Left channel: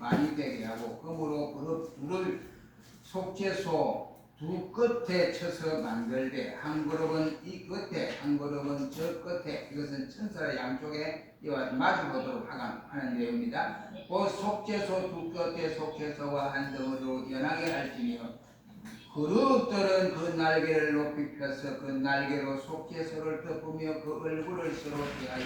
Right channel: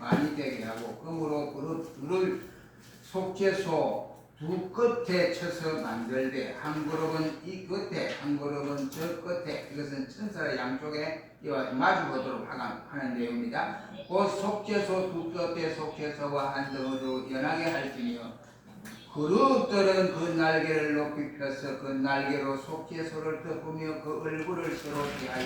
많이 되게 하고 그러므로 그릇 속죄소 두 끝에 쳐서 만들되 한 그룹은 이 끝에 한 그룹은 저 끝에 이것은 천사의 양쪽에 이와 마주보도록 하는 내용입니다. 그 속죄소 두 끝에 속죄소와 한 덩어리로 연하게 할지니요 그룹들은 그 날개를 높이 펴서 그 날개로 속죄소를 덮으며 그 얼굴을 서로 피하여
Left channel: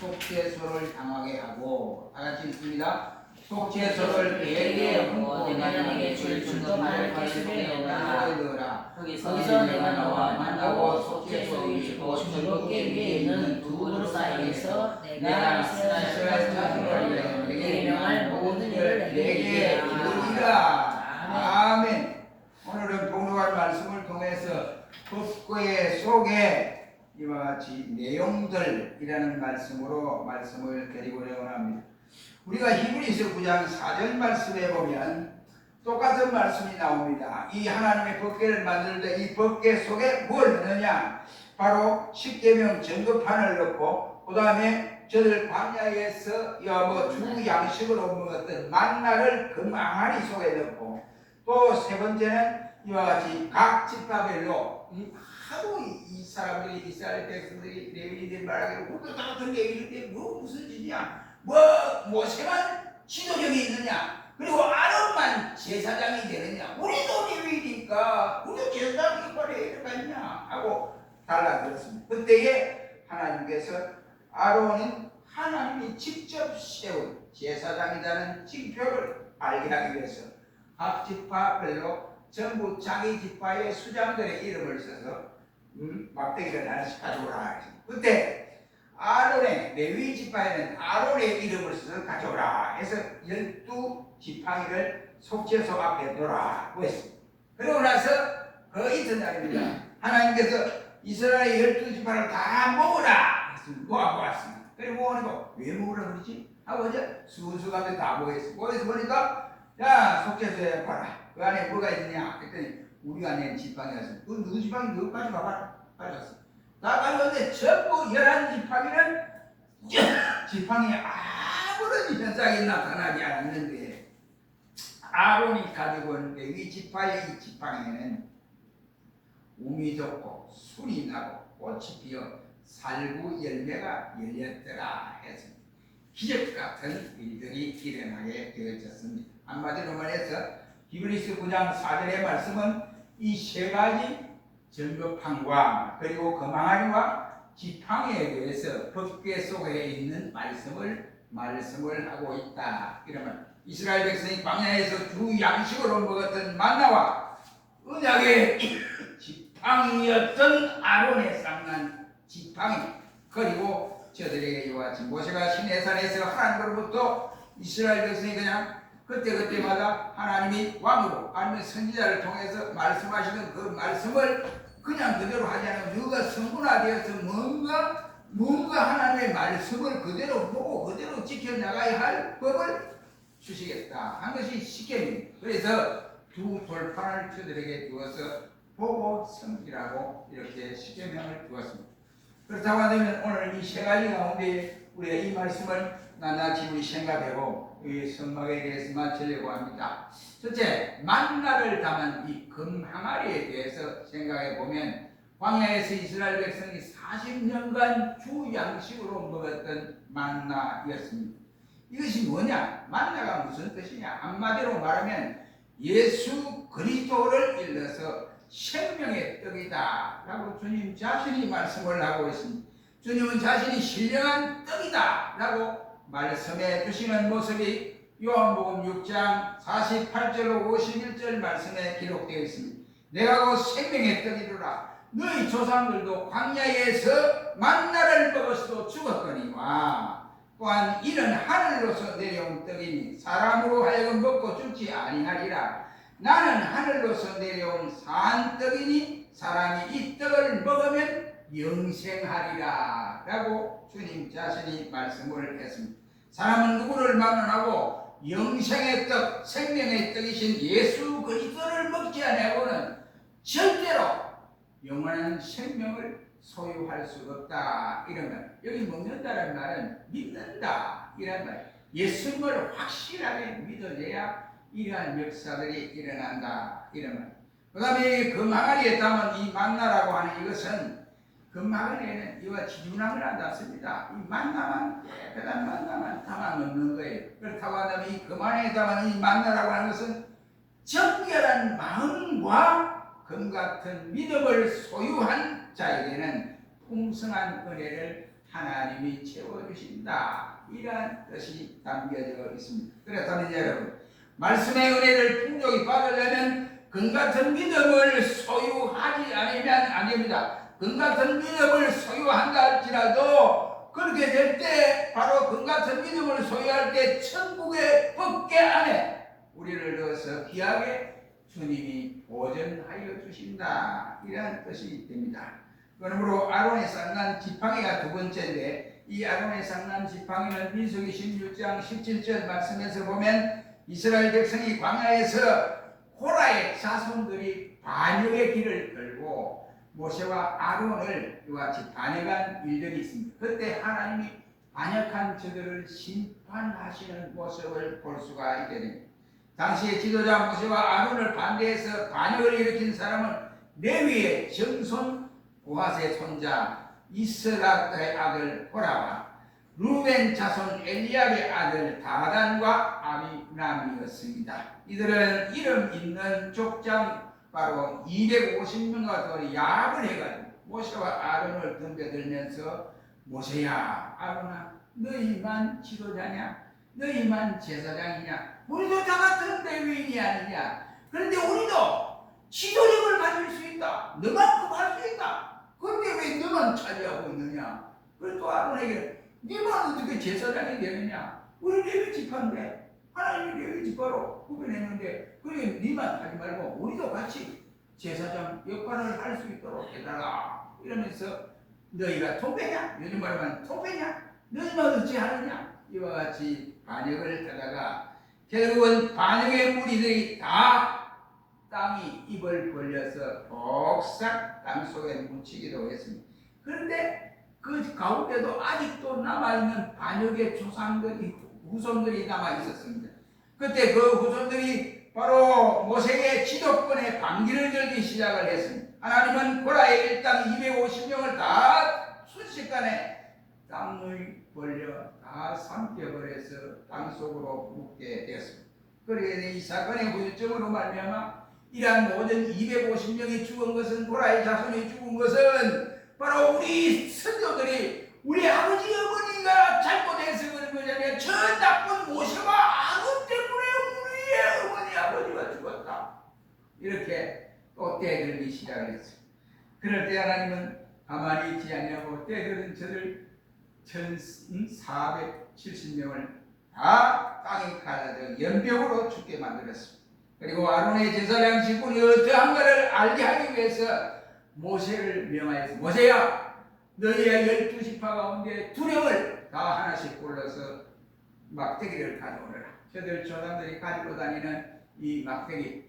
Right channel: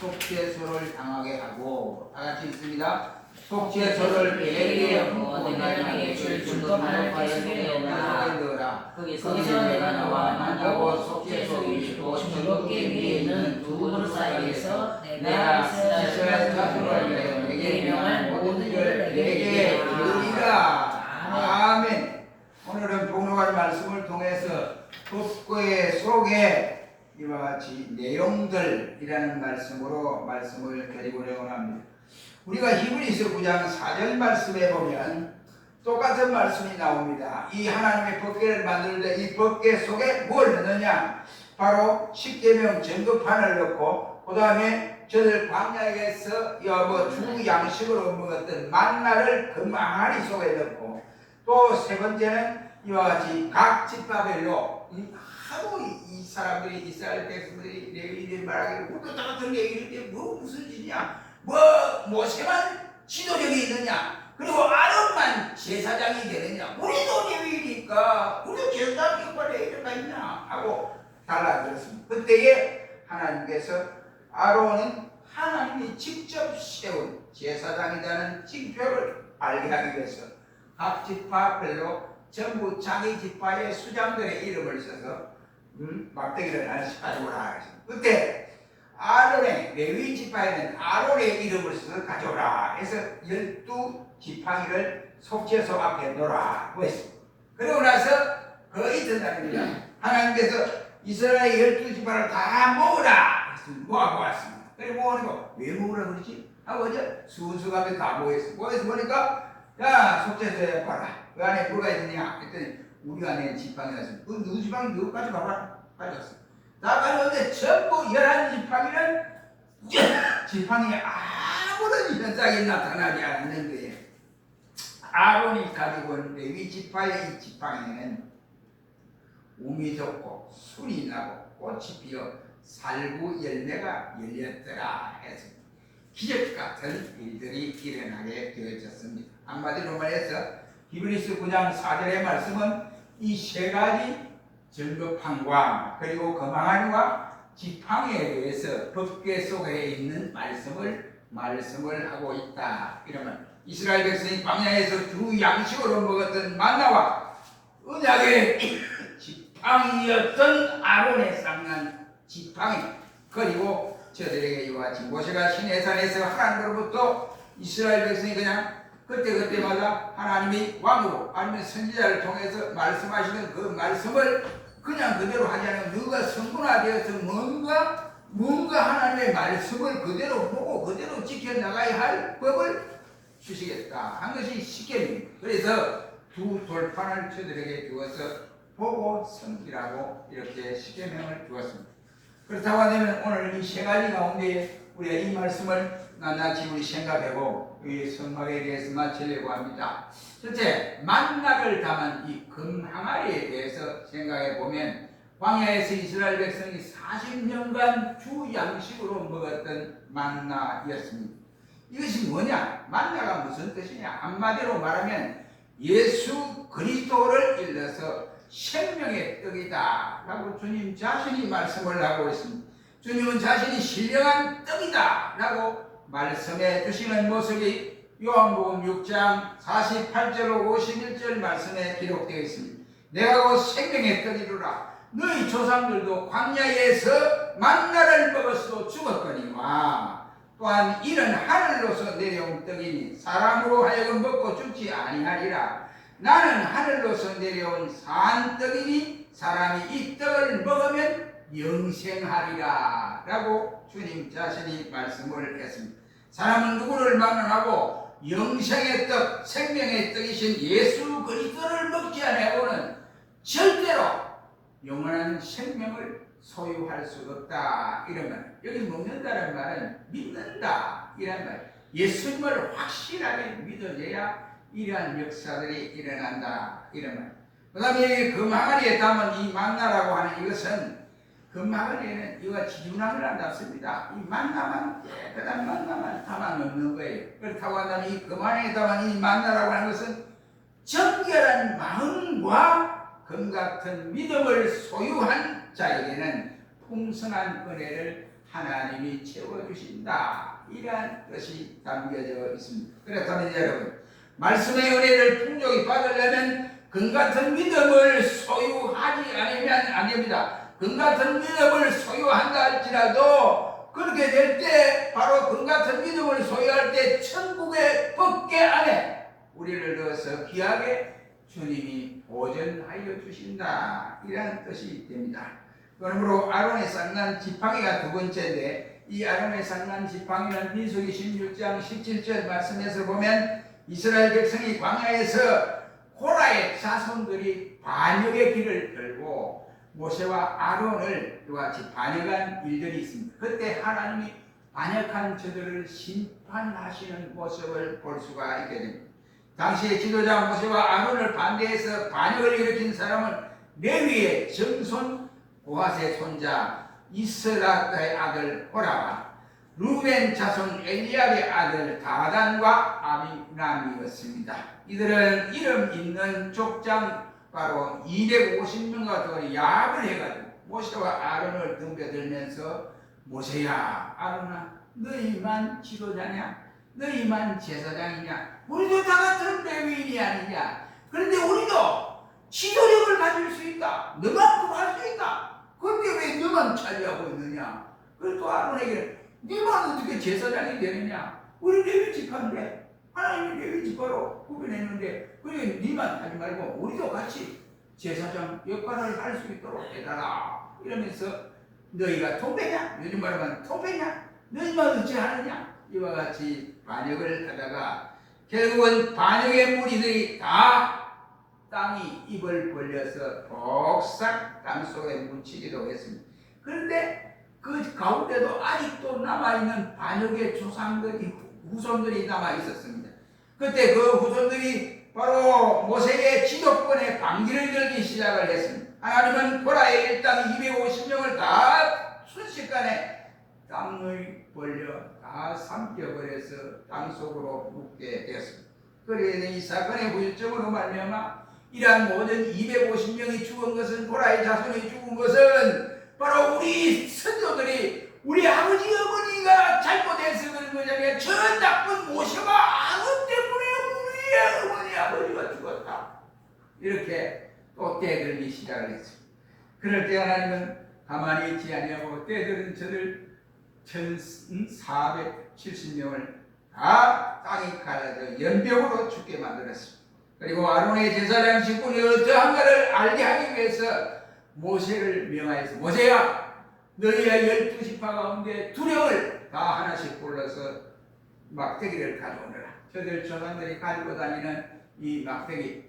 속죄소를 향하게 하고 다 같이 읽습니다. 속죄소를 베개에 얹고 내게 줄도 많은 계시를 넣으라. 거기서 내가 나와 만나고 속죄소 위고 주롭게 위에 있는 두 그릇 사이에서 내가 이스라엘 자손을 내게 명할 모든 일을 내게 이르리라. 아멘. 오늘은 복록할 말씀을 통해서 법궤 속에 이와 같이 내용들이라는 말씀으로 말씀을 드리고자 합니다. 우리가 히브리서 9장 4절 말씀에 보면 똑같은 말씀이 나옵니다. 이 하나님의 법궤를 만들 때 이 법궤 속에 뭘 넣느냐? 바로 십계명 증거판을 넣고 그 다음에 저들 광야에서 주 양식으로 먹었던 만나를 금항아리 속에 넣고 또 세 번째는 이와 같이 각 집밥별로 하도 이 사람들이 이스라엘 백성들이 레위인들이 말하기를 그것도 다 같은 얘기인데 무슨 짓이냐 모세만 지도력이 있느냐 그리고 아론만 제사장이 되느냐 우리도 레위니까 우리도 제사장이 역할을 해야 되느냐 하고 달라들었습니다. 그때에 하나님께서 아론은 하나님이 직접 세운 제사장이라는 징표를 알게 하기 위해서 각 지파별로 전부 자기 지파의 수장들의 이름을 써서 막대기를 하나씩 가져오라. 그때 아론의 레위 지파에는 아론의 이름을 써서 가져오라 해서 12지팡이를 속죄소 앞에 놓으라고 했습니다. 그러고 나서 그 이튿날입니다. 하나님께서 이스라엘 12지파를 다 모으라 모아보았습니다. 그리고 모으니까 왜 모으라 그러지? 하고 이제 수수가면 다 모였어요. 모여서 보니까 야 속죄소에 봐라. 그 안에 뭐가 있느냐 했더니 우리 안에 지팡이가 있습니다. 그 누구 지팡이 누구까지 봐봐라. 가져갔어. 나 가져왔는데 전부 11지팡이는 지팡이에 아무런 현상이 나타나지 않았는데 아론이 가지고 온 레위 지파의 이 지팡이에는 우미 돋고 순이 나고 꽃이 피어 살구 열매가 열렸더라 해서 기적 같은 일들이 일어나게 되어졌습니다. 한마디로 말해서 히브리서 9장 4절의 말씀은 이 세 가지 증거판과 그리고 금항아리와 지팡이에 대해서 법궤 속에 있는 말씀을 하고 있다. 이러면 이스라엘 백성이 광야에서 주 양식으로 먹었던 만나와 언약의 지팡이였던 아론의 쌍난 지팡이 그리고 저들에게 이와 같이 모세가 시내산에서 하나님으로부터 이스라엘 백성이 그냥 그때마다 하나님이 왕으로 아니면 선지자를 통해서 말씀하시는 그 말씀을 그냥 그대로 하지 않으면 너가 성분화되어서 뭔가 하나님의 말씀을 그대로 보고 그대로 지켜나가야 할 법을 주시겠다 한 것이 십계명입니다. 그래서 두 돌판을 저들에게 주어서 보고 섬기라고 이렇게 십계명을 주었습니다. 그렇다고 하면 오늘 이 세 가지 가운데 우리가 이 말씀을 낱낱이 우리 생각해보고 이 성막에 대해서 마치려고 합니다. 첫째, 만나를 담은 이 금항아리에 대해서 생각해보면 광야에서 이스라엘 백성이 40년간 주 양식으로 먹었던 만나였습니다. 이것이 뭐냐? 만나가 무슨 뜻이냐? 한마디로 말하면 예수 그리스도를 일러서 생명의 떡이다 라고 주님 자신이 말씀을 하고 있습니다. 주님은 자신이 신령한 떡이다 라고 말씀해 주시는 모습이 요한복음 6장 48절로 51절 말씀에 기록되어 있습니다. 내가 곧 생명의 떡이루라. 너희 조상들도 광야에서 만나를 먹었어도 죽었거니와 또한 이는 하늘로서 내려온 떡이니 사람으로 하여금 먹고 죽지 아니하리라. 나는 하늘로서 내려온 산 떡이니 사람이 이 떡을 먹으면 영생하리라 라고 주님 자신이 말씀을 했습니다. 사람은 누구를 만나고 영생의 떡, 생명의 떡이신 예수 그리스도를 먹지 아니하고는 절대로 영원한 생명을 소유할 수 없다. 이런 말. 여기 먹는다는 말은 믿는다 이런 말. 예수님을 확실하게 믿어줘야 이러한 역사들이 일어난다. 이런 말. 그 다음에 금항아리에 담은 이 만나라고 하는 이것은 금항아리에는 이와 지준함을 안닿습니다. 이 만나만 깨끗한 만나만 담아 넣는 거예요. 그렇다고 한다면 이 금항아리에 담은 이 만나라고 하는 것은 정결한 마음과 금같은 믿음을 소유한 자에게는 풍성한 은혜를 하나님이 채워주신다. 이러한 뜻이 담겨져 있습니다. 그렇다면 여러분, 말씀의 은혜를 풍족히 받으려면 금같은 믿음을 소유하지 않으면 안 됩니다. 금같은 믿음을 소유한다 할지라도 그렇게 될 때 바로 금같은 믿음을 소유할 때 천국의 법궤 안에 우리를 넣어서 귀하게 주님이 보존하여 주신다. 이런 뜻이 됩니다. 그러므로 아론의 쌍난 지팡이가 두 번째인데, 이 아론의 쌍난 지팡이는 민수기 16장 17절 말씀에서 보면 이스라엘 백성이 광야에서 호라의 자손들이 반역의 길을 들고 모세와 아론을 이와 같이 반역한 일들이 있습니다. 그때 하나님이 반역한 저들을 심판하시는 모습을 볼 수가 있게 됩니다. 당시의 지도자 모세와 아론을 반대해서 반역을 일으킨 사람은 레위의 정손 고핫의 손자 이스라엘의 아들 호라와 루벤 자손 엘리압의 아들 다단과 아비람이었습니다. 이들은 이름 있는 족장 바로 250명과 더 야합을 해가지고 모세와 아론을 덤벼들면서 모세야, 아론아, 너희만 지도자냐? 너희만 제사장이냐? 우리도 다 같은 레위인이 아니냐? 그런데 우리도 지도력을 가질 수 있다. 너만큼 할 수 있다. 그런데 왜 너만 차지하고 있느냐? 그래서 또 아론에게 너만 어떻게 제사장이 되느냐? 우리 레위 지파인데 하나님이 레위 지파로 구별했는데 그래 너만 하지 말고 우리도 같이 제사장 역할을 할 수 있도록 해달라. 이러면서 너희가 통배냐? 요즘 말하면 통배냐? 너희만 어찌 하느냐? 이와 같이 반역을 하다가 결국은 반역의 무리들이 다 땅이 입을 벌려서 복삭 땅속에 묻히기도 했습니다. 그런데 그 가운데도 아직도 남아있는 반역의 조상들이, 후손들이 남아있었습니다. 그때 그 후손들이 바로 모세의 지도권에 반기를 들기 시작을 했습니다. 하나님은 고라의 일당 250명을 다 순식간에 땅을 벌려 다 삼켜버려서 땅속으로 묻게 되었습니다. 그러니 이 사건의 후유증으로 말미암아 이러한 모든 250명이 죽은 것은, 고라의 자손이 죽은 것은 바로 우리 선조들이 우리 아버지 어머니가 잘못해서 그런 것이 아니라 저 나쁜 모세와 아론 때문에 우리의 어머니 아버지가 죽었다. 이렇게 또 떼들기 시작을 했습니다. 그럴 때 하나님은 가만히 있지 아니하고 떼들은 저들 1470명을 다 땅에 갈라져 연병으로 죽게 만들었습니다. 그리고 아론의 제사장 직분이 어떠한가를 알게 하기 위해서 모세를 명하여서 모세야, 너희의 12지파 가운데 2명을 다 하나씩 골라서 막대기를 가져오너라. 저들 조상들이 가지고 다니는 이 막대기,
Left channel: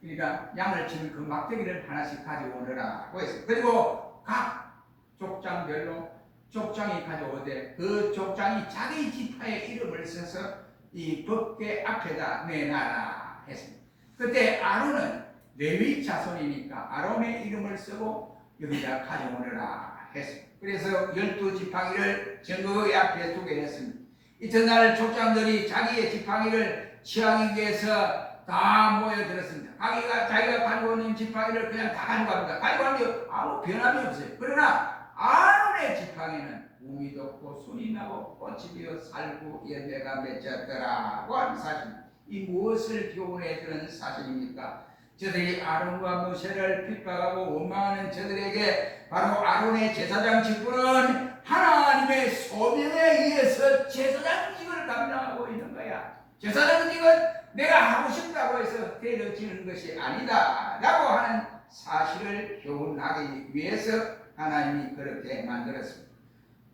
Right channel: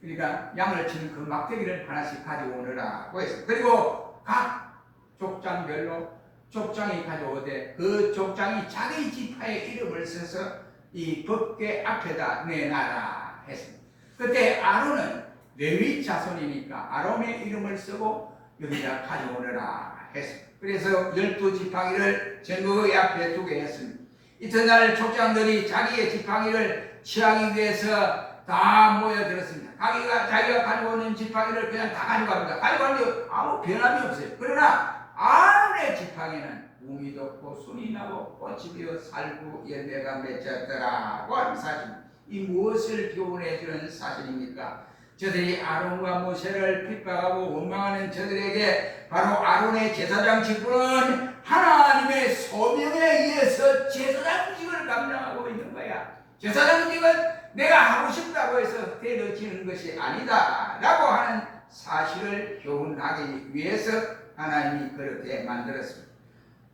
그러니까 양을 치는 그 막대기를 하나씩 가져오너라고 했어요. 그리고 각 족장별로 족장이 가져오되 그 족장이 자기 지파의 이름을 써서 이 법궤 앞에다 내놔라 했습니다. 그때 아론은 레위 자손이니까 아론의 이름을 쓰고 여기다 가져오너라 했습니다. 그래서 12지팡이를 전국의 앞에 두게 했습니다. 이튿날 족장들이 자기의 지팡이를 취하기 위해서 다 모여들었습니다. 자기가 가지고 있는 지팡이를 그냥 다 가져갑니다. 가져가는데 아무 변함이 없어요. 그러나 아론의 지팡이는 웅이 돋고 순이 나고 꽃이 피어 살구 열매가 맺혔더라고 하는 사실입니다. 이 무엇을 교훈해 주는 사실입니까? 저들이 아론과 모세를 핍박하고 원망하는 저들에게 바로 아론의 제사장 직분은 하나님의 소명에 의해서 제사장직을 감당하고 있는 거야. 제사장직은 내가 하고 싶다고 해서 때려지는 것이 아니다 라고 하는 사실을 교훈하기 위해서 하나님이 그렇게 만들었습니다.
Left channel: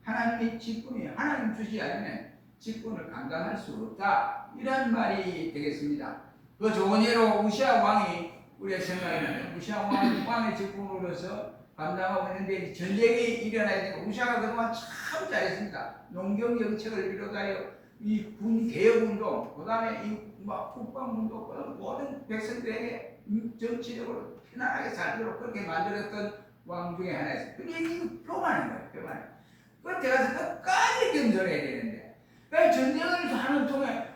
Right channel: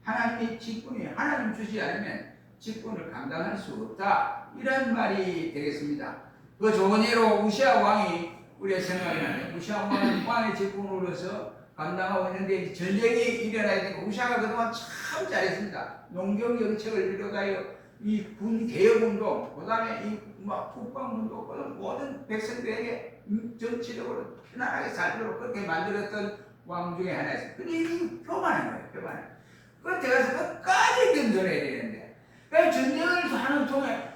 하나님의 직분이 하나님 주지 않으면 직분을 감당할 수 없다, 이런 말이 되겠습니다. 그 좋은 예로 우시아 왕이 우리의 생각에 나요. 우시아 왕의 직분으로서 감당하고 있는데 전쟁이 일어나야 되니까 우시아가 그동안 참 잘했습니다. 농경 정책을 비롯하여 이 군 개혁운동, 그 다음에 이막 국방운동, 모든 백성들에게 정치적으로 편안하게 살도록 그렇게 만들었던 왕 중에 하나였어요. 근데 이 교만인 거예요, 교만. 그때 가서 끝까지 견뎌내야 되는데, 그 전쟁을 하는 통에,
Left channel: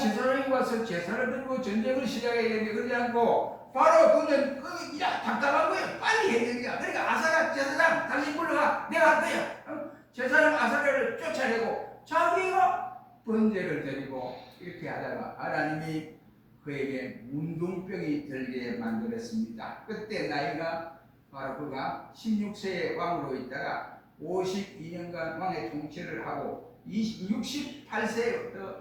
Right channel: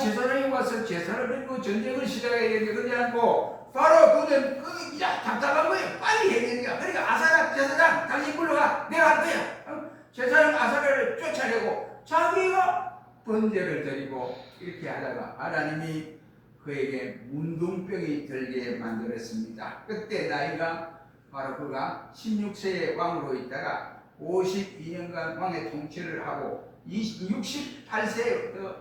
제 사람이 와서 제사를 드리고 전쟁을 시작해야 되는데, 그러지 않고, 바로 그는 그냥 답답한 거예요. 빨리 해야 되니까. 그러니까 아사랴 제사장, 당신 불러가. 내가 할 거야. 제사장 아사랴를 쫓아내고, 자기가 번제를 드리고, 이렇게 하다가 하나님이 그에게 문둥병이 들게 만들었습니다. 그때 나이가 바로 그가 16세의 왕으로 있다가 52년간 왕의 통치를 하고 68세부터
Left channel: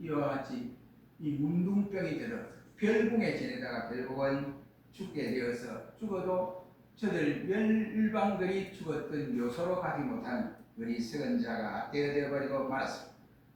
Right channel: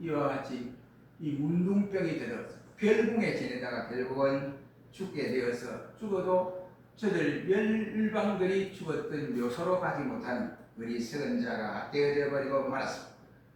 이와 같이 이 문둥병이 들어서 별궁에 지내다가 결국은 죽게 되어서 죽어도 저들 멸방들이 죽었던 묘소로 가지 못한 어리석은 자가 되어져 버리고 말았습니다.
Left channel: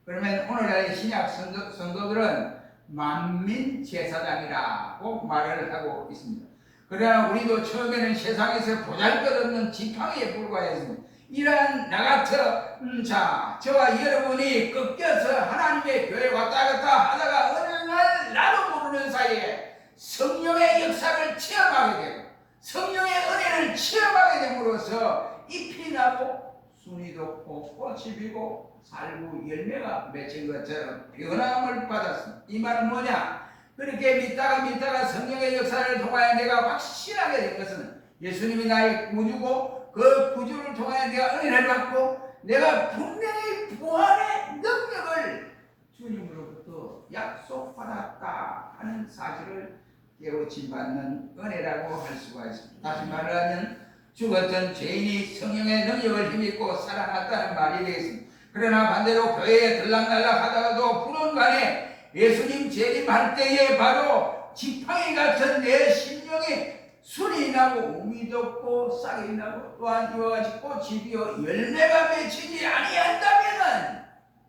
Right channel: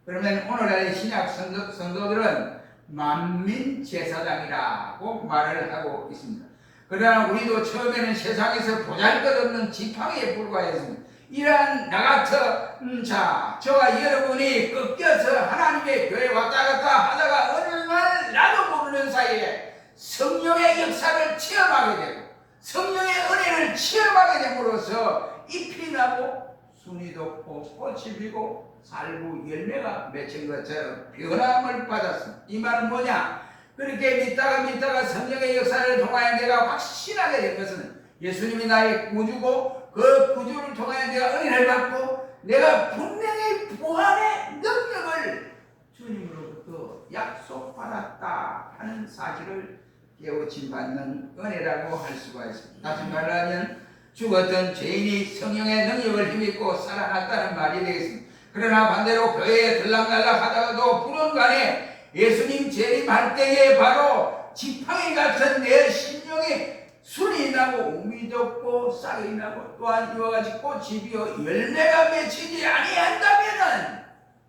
그러면 오늘날의 신약 성도들은 만민 제사장이라고 말을 하고 있습니다. 그러나 우리도 처음에는 세상에서 보잘것없는 지팡이에 불과했습니다. 이러한 나 같은 저와 여러분이 꺾여서 하나님의 교회에 왔다 갔다 하다가 어느 날 나도 모르는 사이에 성령의 역사를 체험하게 되고 성령의 은혜를 체험하게 됨으로써 잎이 나고 순이 돋고 꽃이 피고 살구 열매가 맺힌 것처럼 변함을 받았습니다. 이 말은 뭐냐? 그렇게 믿다가 성령의 역사를 통하여 내가 확신하게 된 것은 예수님이 나의 구주고 그 구주를 통하여 내가 은혜를 받고 내가 분명히 부활의 능력을 주님으로부터 약속받았다 하는 사실을 깨우침 받는 은혜라고 할 수가 있습니다. 다시 말하면 죽었던 죄인이 성령의 능력을 힘입고 살아났다는 말이 되겠습니다. 그러나 반대로 교회에 들락날락 하다가도 불원간에 예수님 재림할 때에 바로 지팡이 같은 내 심령에 순이 나고 우미 돋고 싹이 나고 또한 이와 같이 꽃이 피어 열매가 맺히지 아니한다면은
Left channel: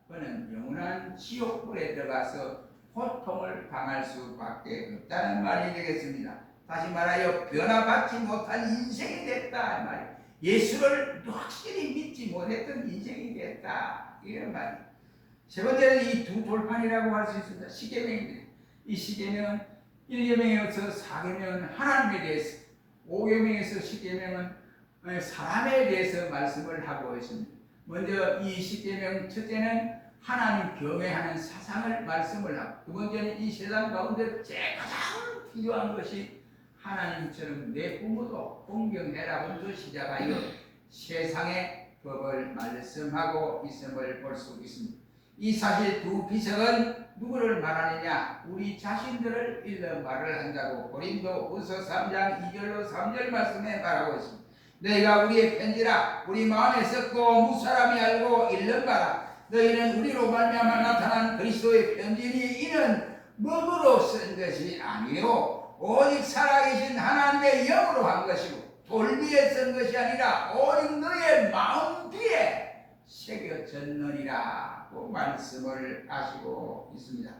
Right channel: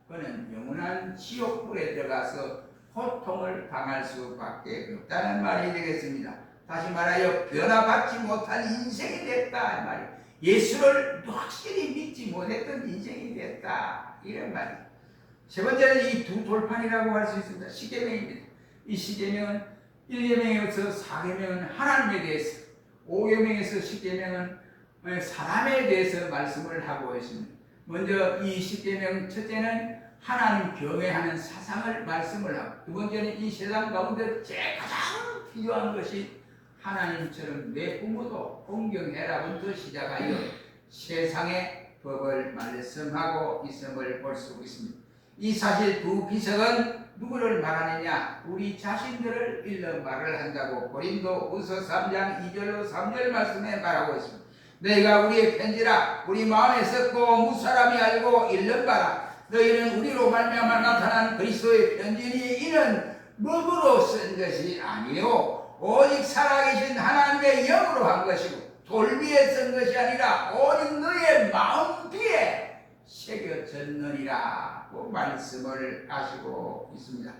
그는 영원한 지옥불에 들어가서 고통을 당할 수밖에 없다는 말이 되겠습니다. 다시 말하여 변화받지 못한 인생이 됐다 이 말이에요. 예수를 확실히 믿지 못했던 인생이 됐다 이런 말이에요. 세 번째는 이 두 돌판이라고 할 수 있습니다. 십계명입니다. 이 십계명은 1계명에서 4계명은 하나님에 대해서, 5계명에서 10계명은 사람에 대해서 말씀을 하고 있습니다. 먼저 이 십계명 첫째는 하나님 경외하는 사상을 말씀을 하고, 두 번째는 이 세상 가운데 제일 가장 필요한 것이 하나님처럼 내 부모도 공경해라부터 시작하여 세상의 법을 말씀하고 있음을 볼 수 있습니다. 이 사실 두 비석은 누구를 말하느냐? 우리 자신들을 일러 말을 한다고 고린도후서 3장 2절로 3절 말씀에 말하고 있습니다. 너희가 우리의 편지라 우리 마음에 썩고 무사람이 알고 읽는 바라. 너희는 우리로 말미암아 나타난 그리스도의 편지니 이는 먹으로 쓴 것이 아니요 오직 살아계신 하나님의 영으로 한 것이고 돌비에 쓴 것이 아니라 오직 너의 마음비에 새겨졌느니라고 말씀을 하시고 있습니다.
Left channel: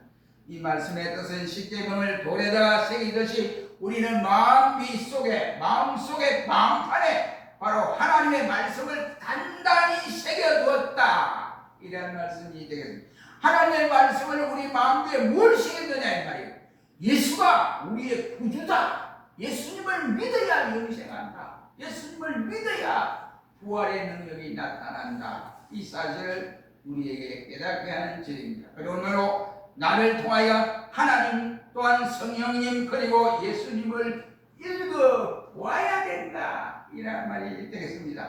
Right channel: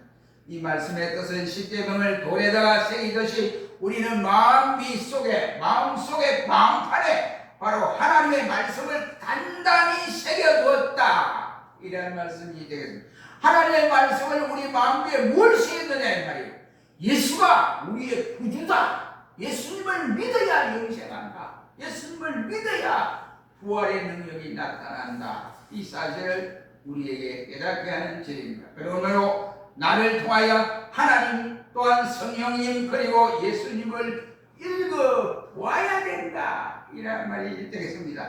이 말씀의 뜻은 십계명을 돌에다가 새기듯이 우리는 마음비 속에, 마음속에, 마음판에 바로 하나님의 말씀을 단단히 새겨두었다 이라는 말씀이 되겠습니다. 하나님의 말씀을 우리 마음비에 뭘 새겼느냐 이 말이에요. 예수가 우리의 구주다. 예수님을 믿어야 영생한다. 예수님을 믿어야 부활의 능력이 나타난다. 이 사실을 우리에게 깨닫게 하는 절입니다. 그러므로 나를 통하여 하나님 또한 성령님 그리고 예수님을 읽어보아야 된다. 이런 말이 되겠습니다.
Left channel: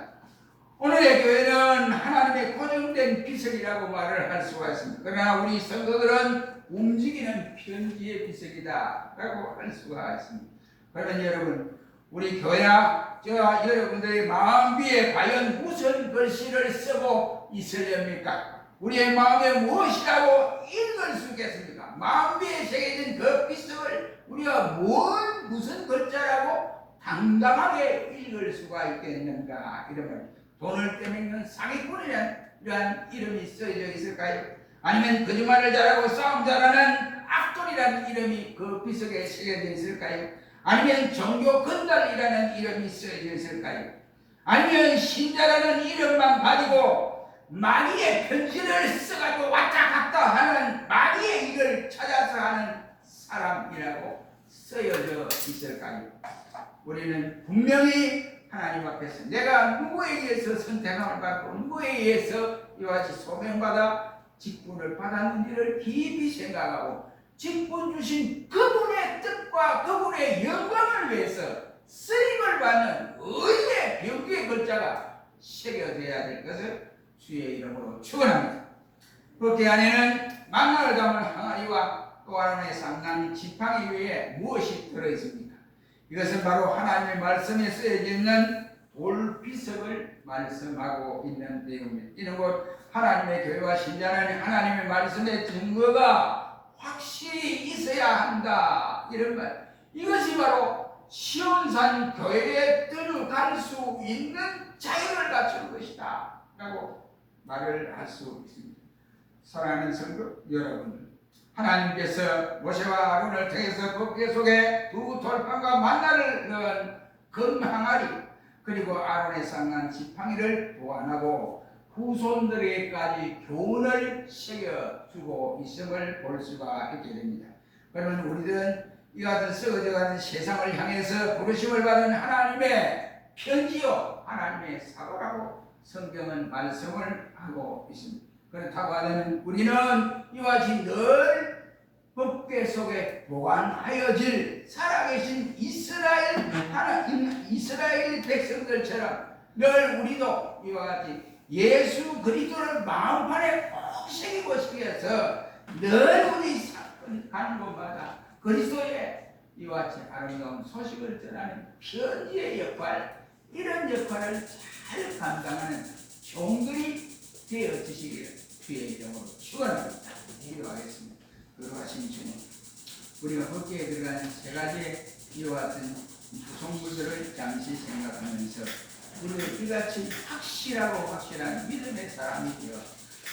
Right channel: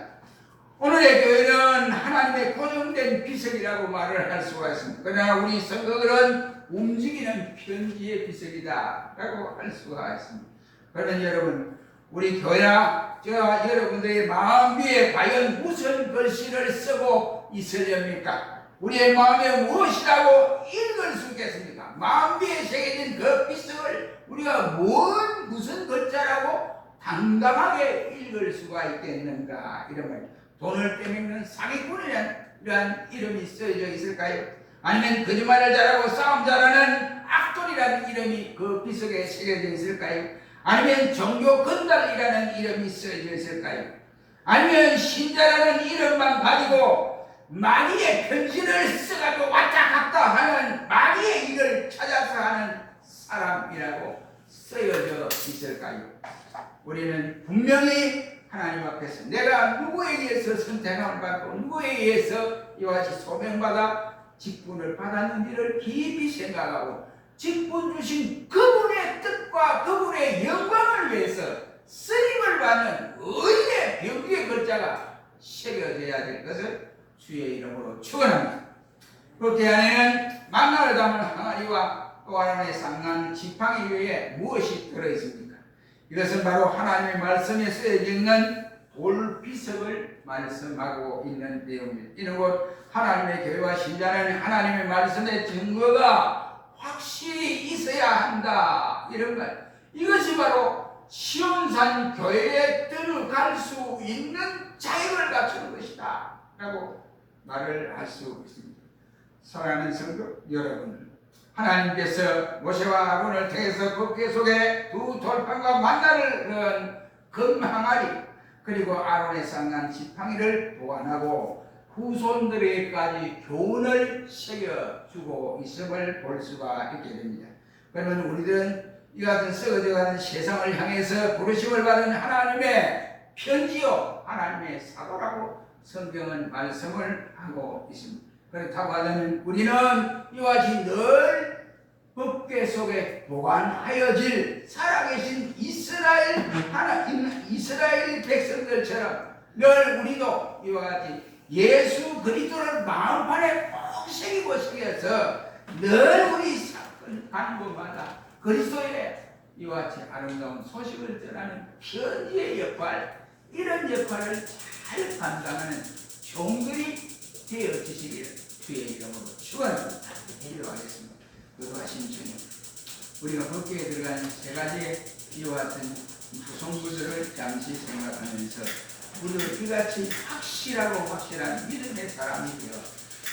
오늘의 교회는 하나님의 고정된 비석이라고 말을 할 수가 있습니다. 그러나 우리 성도들은 움직이는 편지의 비석이다 라고 할 수가 있습니다. 그러면 여러분, 우리 교회나 저와 여러분들의 마음비에 과연 무슨 글씨를 쓰고 있으렵니까? 우리의 마음에 무엇이라고 읽을 수 있겠습니까? 마음비에 새겨진 그 비석을 우리가 무슨 글자라고 당당하게 읽을 수가 있겠는가? 이러면 돈을 떼먹는 사기꾼이란 이름이 쓰여져 있을까요? 아니면 거짓말을 잘하고 싸움 잘하는 악돌이라는 이름이 그 비석에 새겨져 있을까요? 아니면 종교 건달이라는 이름이 쓰여져 있을까요? 아니면 신자라는 이름만 가지고 마귀의 편지를 써가지고 왔다 갔다 하는 마귀의 일을 찾아서 하는 사람이라고 쓰여져 있을까요? 우리는 분명히 하나님 앞에서 내가 누구에 의해서 선택함을 받고 누구에 의해서 이와 같이 소명받아 직분을 받았는지를 깊이 생각하고 직분 주신 그분의 뜻과 그분의 영광을 위해서 쓰임을 받는 의의 병기의 글자가 새겨져야 될 것을 주의 이름으로 축원합니다. 그렇게 안에는 만나를 담을 항아리와 또 아론의 상난 지팡이 위에 무엇이 들어있습니까? 이것은 바로 하나님의 말씀에 쓰여져 있는 돌비석을 말씀하고 있는 내용입니다. 이는 곧 하나님의 교회와 신자는 하나님의 말씀의 증거가 확실히 있어야 한다. 이런 말. 이것이 바로 시온산 교회에 들어갈 수 있는 자유를 갖추는 것이다. 라고 말을 할 수 있습니다. 사랑하는 성도 여러분, 하나님께서 모세와 아론을 통해서 그 속에 두 돌판과 만나를 넣은 금항아리 그리고 아론의 상난 지팡이를 보완하고 후손들에게까지 교훈을 새겨주고 있음을 볼 수가 있게 됩니다. 그러면 우리들은 이 같은 썩어져가는 세상을 향해서 부르심을 받은 하나님의 편지요 하나님의 사도라고 성경은 말씀을 하고 있습니다. 그렇다고 하면 우리는 이와 같이 늘 법궤 속에 보관하여질 살아계신 이스라엘 백성들처럼 늘 우리도 이와 같이 예수 그리스도를 마음판에 꼭 새기고 싶어서 늘 우리 가는 곳마다 그리스도의 이와 같이 아름다운 소식을 전하는 편지의 역할, 이런 역할을 잘 감당하는 종들이 되어 주시기를 주의 이름으로 축원합니다. 기도하겠습니다. 그러하신 주님, 우리가 법궤에 들어가는 세 가지의 이와 같은 구성구조를 잠시 생각하면서 우리를 이같이 확실한 믿음의 사람이 되어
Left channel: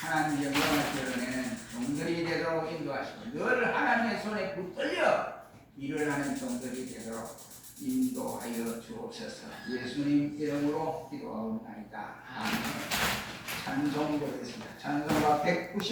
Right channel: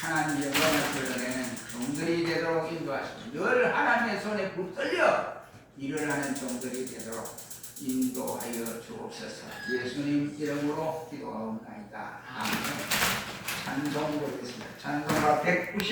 하나님의 영광을 드러내는 종들이 되도록 인도하시고 늘 하나님의 손에 붙들려 일을 하는 종들이 되도록 인도하여 주옵소서. 예수님 이름으로 기도하옵나이다. 아멘. 찬송 드리겠습니다. 찬송가 190